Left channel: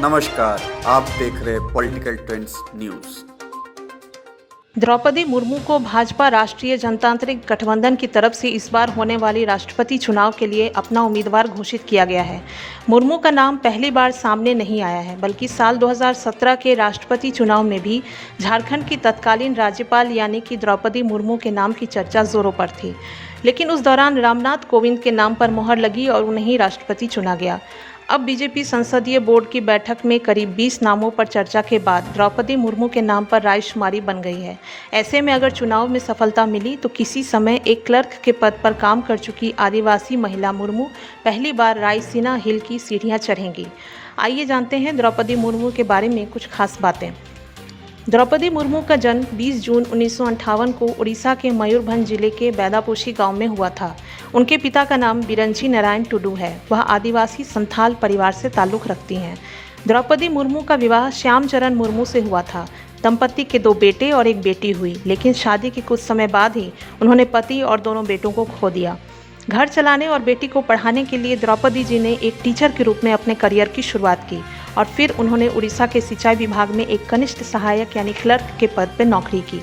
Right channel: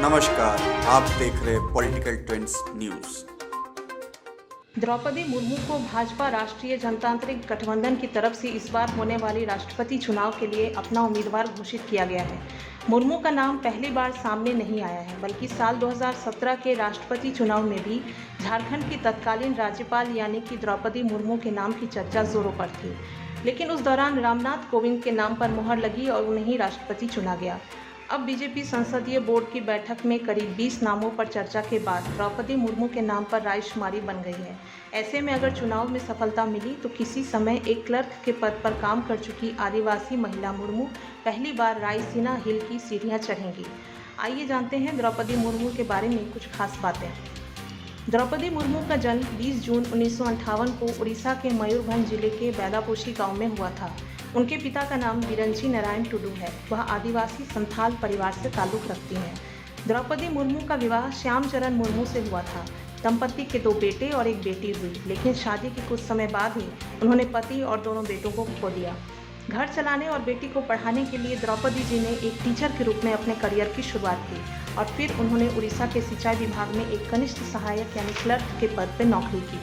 नमस्कार, आप देख रहे political trends news. Draupadi Murmu को भाजपा राष्ट्रीय जनतांत्रिक गठबंधन की तरफ से इस बार होने वाली राष्ट्रपति चुनाव के लिए अपना उम्मीदवार घोषित किया गया है। मुर्मू का नाम पहली बार सामने नहीं आया है, बल्कि साल 2017 के राष्ट्रपति चुनाव में भी झारखंड की तत्कालीन राज्यपाल यानी कि द्रौपदी मुर्मू के नाम की चर्चा जोरों पर थी। लेकिन उस दौरान रामनाथ कोविंद के नाम पर मुहर लगी और उन्हें ही राष्ट्रपति चुना गया। अब बीजेपी संसदीय बोर्ड की बैठक में करीब 20 नामों पर चर्चा के बाद द्रौपदी मुर्मू के नाम पर रायशुमारी बन गई है। ऐसे में अगर चुनाव में सफलता मिली तो किसी समय एक क्लर्क के पद पर काम कर चुकी आदिवासी महिला मुर्मू पहली बार रायसीना हिल की सीढ़ियां चढ़ेंगी। आइए जानते हैं द्रौपदी मुर्मू के बारे में कुछ खास बातें। द्रौपदी मुर्मू का जन्म 20 जून 1958 को उड़ीसा के मयूरभंज जिले के बैदापोशी गांव में हुआ था। उनके पिता का नाम बिरंची नारायण टुडू है। वह आदिवासी संथाल परिवार से ताल्लुक़ रखती हैं। द्रौपदी मुर्मू का विवाह श्यामचरण मुर्मू से हुआ था। दंपति के 2 बेटे और 1 बेटी हुई, लेकिन शादी के कुछ समय बाद ही उन्होंने पति और दोनों बेटों को खो दिया। घर चलाने और बेटी को पढ़ाने के लिए द्रौपदी जी ने एक टीचर के रूप में अपने करियर की शुरुआत की और फिर उन्होंने उड़ीसा के सिंचाई विभाग में एक कनिष्ठ सहायक यानी क्लर्क के पद पर नौकरी की।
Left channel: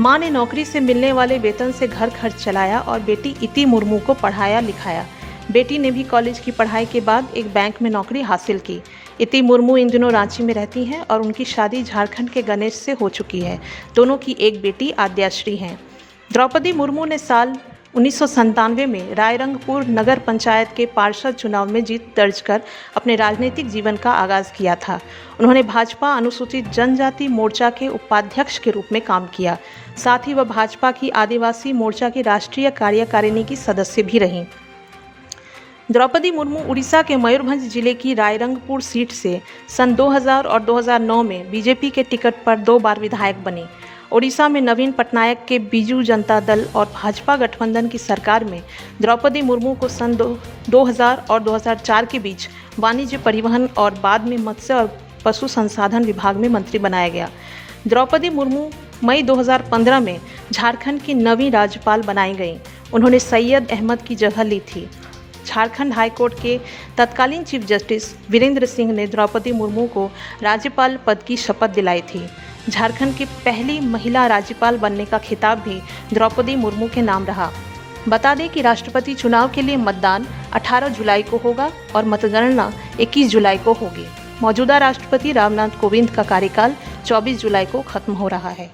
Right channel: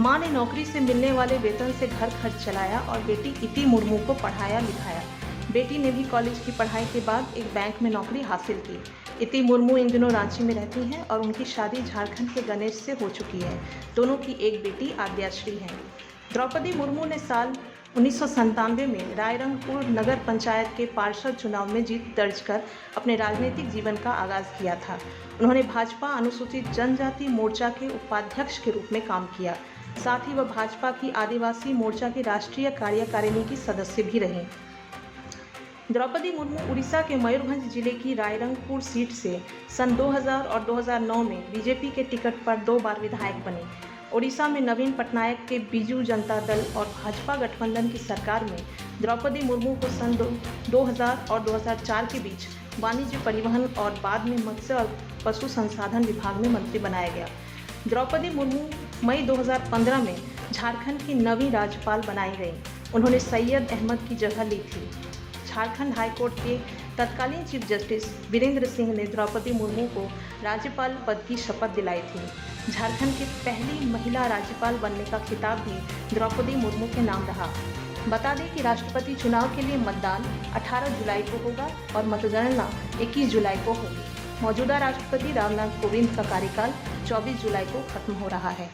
मां ने नौकरी से मिलने वाले वेतन से घर खर्च चलाया और बेटी इति मुर्मू को पढ़ाया लिखाया। बेटी ने भी कॉलेज की पढ़ाई के बाद एक बैंक में नौकरी हासिल की। इति मुर्मू इन दिनों रांची में रहती हैं और उनकी शादी झारखंड के गणेश से हो चुकी है। दोनों की एक बेटी आद्याश्री हैं। द्रौपदी मुर्मू ने साल 1997 में रायरंगपुर नगर पंचायत के पार्षद चुनाव में जीत दर्ज कर अपने राजनीतिक जीवन का आगाज किया था। उन्होंने भाजपा अनुसूचित जनजाति मोर्चा के उपाध्यक्ष के रूप में काम किया। साथ ही वह भाजपा की आदिवासी मोर्चा की राष्ट्रीय कार्यकारिणी की सदस्य भी रहीं। द्रौपदी मुर्मू उड़ीसा के मयूरभंज जिले की रायरंगपुर सीट से सन 2000 और 2009 में बीजेपी के टिकट पर 2 बार विधायक बनी। ओडिशा में नवीन पटनायक के बीजू जनता दल और भाजपा गठबंधन की सरकार में द्रौपदी मुर्मू को सन 2000 और 2004 के बीच वाणिज्य, परिवहन और बाद में मत्स्य और पशु संसाधन विभाग में मंत्री बनाया गया। द्रौपदी मुर्मू मई 2015 में झारखंड की नवीं राज्यपाल बनाई गईं। उन्होंने सैयद अहमद की जगह ली थी। झारखंड हाईकोर्ट के तत्कालीन चीफ जस्टिस वीरेंद्र सिंह ने द्रौपदी मुर्मू को राज्यपाल पद की शपथ दिलाई थी। झारखंड की पहली महिला राज्यपाल बनने का खिताब भी द्रौपदी मुर्मू के नाम रहा। बता दें कि राष्ट्रपति चुनाव के लिए मतदान 18 जुलाई को होगा और मतगणना 21 जुलाई को होगी। मौजूदा राष्ट्रपति रामनाथ कोविंद का कार्यकाल 24 जुलाई को खत्म हो रहा है।